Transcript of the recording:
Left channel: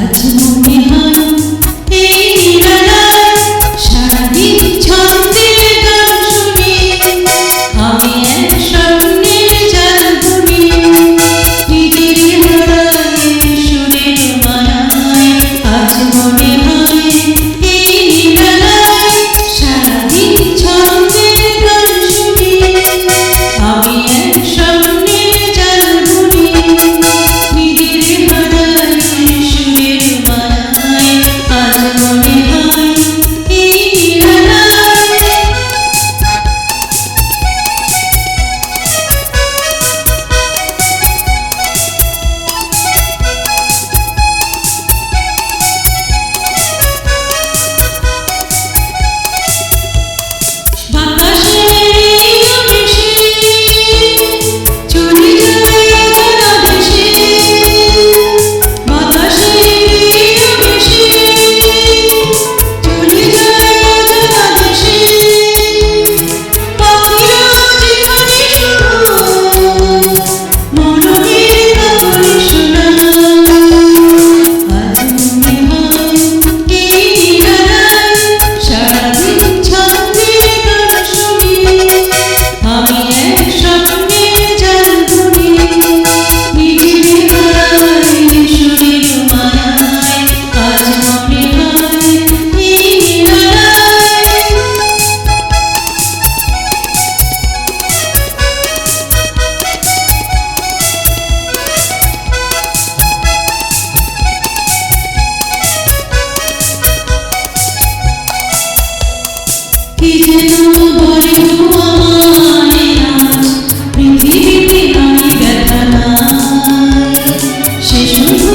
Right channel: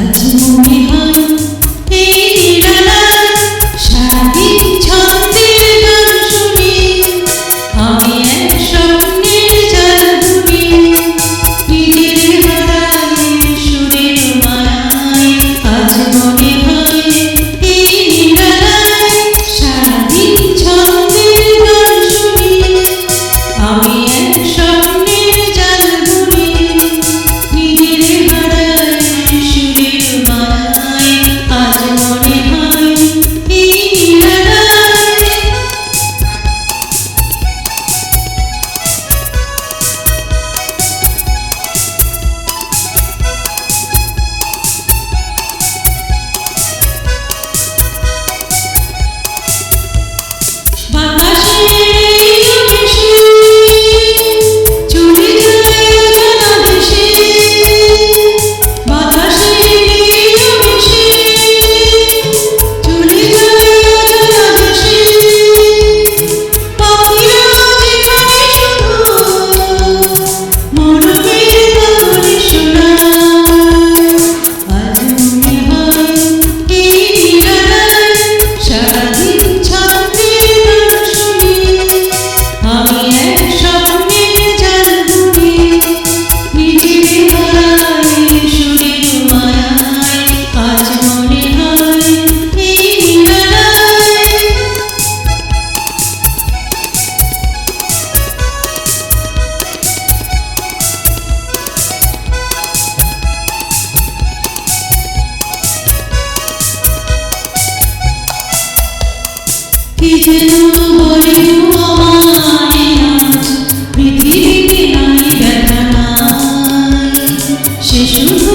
আজ মনে হয় এই নিরালায় সারাদিন ছন্দের গান শুনি, আমি এক স্বপ্নের জাল বুনি, নিজের হারায় সুরের মায়ায়। আজ মনে হয় এই নিরালায় সারাদিন ছন্দের গান শুনি, আমি এক স্বপ্নের জাল বুনি, নিজের হারায় সুরের মায়ায়। আজ মনে হয় এই নিরালায় কি যেন বলে আমায় আজ পৃথিবীতে নাই ব্যথা নাই, সে শুধু